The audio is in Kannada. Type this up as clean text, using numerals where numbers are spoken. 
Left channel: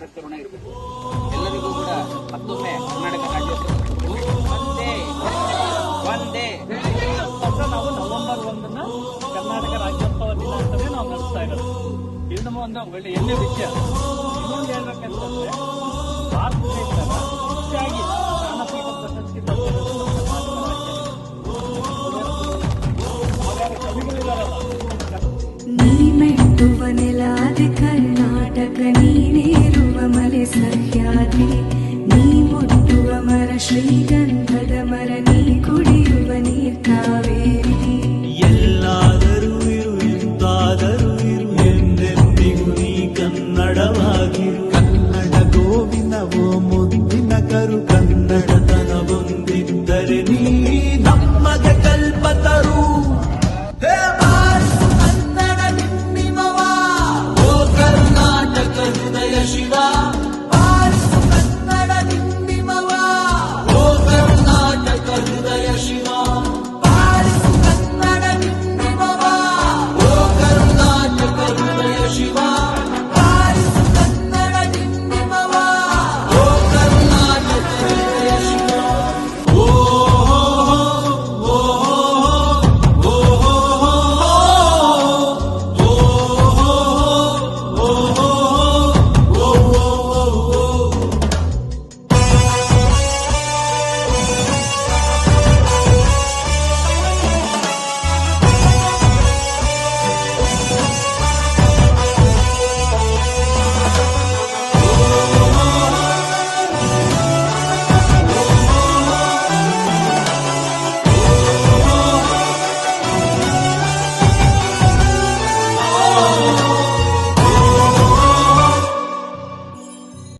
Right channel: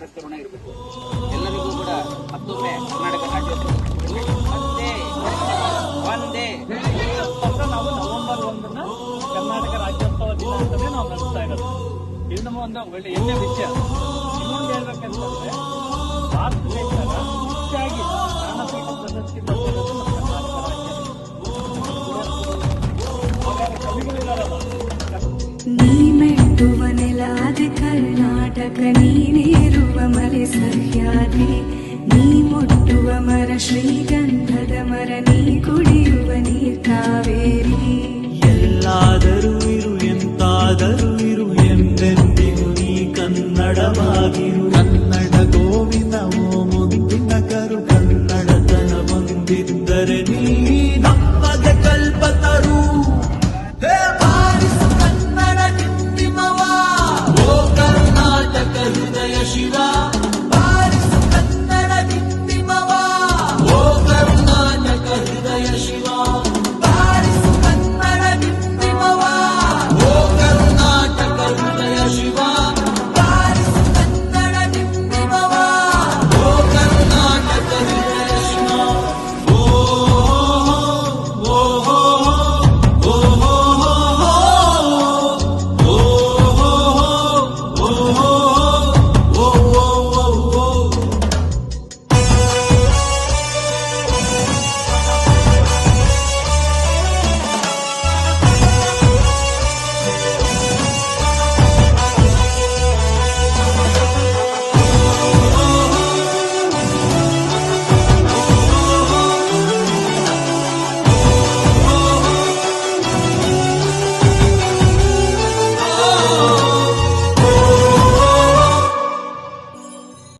ಎಲ್ಲರ ಋಣ ಇರಬೇಕು. ಎಲ್ಲರಿಗೂ ಕೂಡ ಮತ್ತೊಮ್ಮೆ ಕರ್ನಾಟಕ ರಾಜ್ಯೋತ್ಸವ ಒಂದೇ ಒಂದೇ ನಾವು ನವೆಂಬರ್ 1 ಕರ್ನಾಟಕ ರಾಜ್ಯೋತ್ಸವ ದಿನ ಅಂತಾನೆ ನಾವು ನಡೆಸ್ತಾ ಇರೋದು. ಇದು ನಮ್ಮ ಒಂದು ಒಳ್ಳೆ ಹೆಮ್ಮೆ ವಿಷಯ. ಇನ್ನೊಂದು ಹೇಳ್ಬೇಕಂತಂದ್ರೆ ಭಾರತ ದೇಶದ ಹೆಚ್ಚಾಗಿ ಜ್ಞಾನಪೀಠ ಪ್ರಶಸ್ತಿ ಪಡೆದಿರೋದು ನಮ್ಮ ಕರ್ನಾಟಕ ರಾಜ್ಯ. ಕವಿಗಳಿದಾರಲ್ಲ, ನೀ ಮೆಟ್ಟುವ ನೆಲಾದೆ ಕರ್ನಾಟಕ, ನೀನೇರುವ ಮಲೆ ಸಹ್ಯಾದ್ರಿ, ನೀ ಮುಟ್ಟುವ ಮರ ಶ್ರೀಗಂಧದ ಮರ, ನೀ ಕುಡಿಯುವ ನೀರ್ ಕಾವೇರಿ.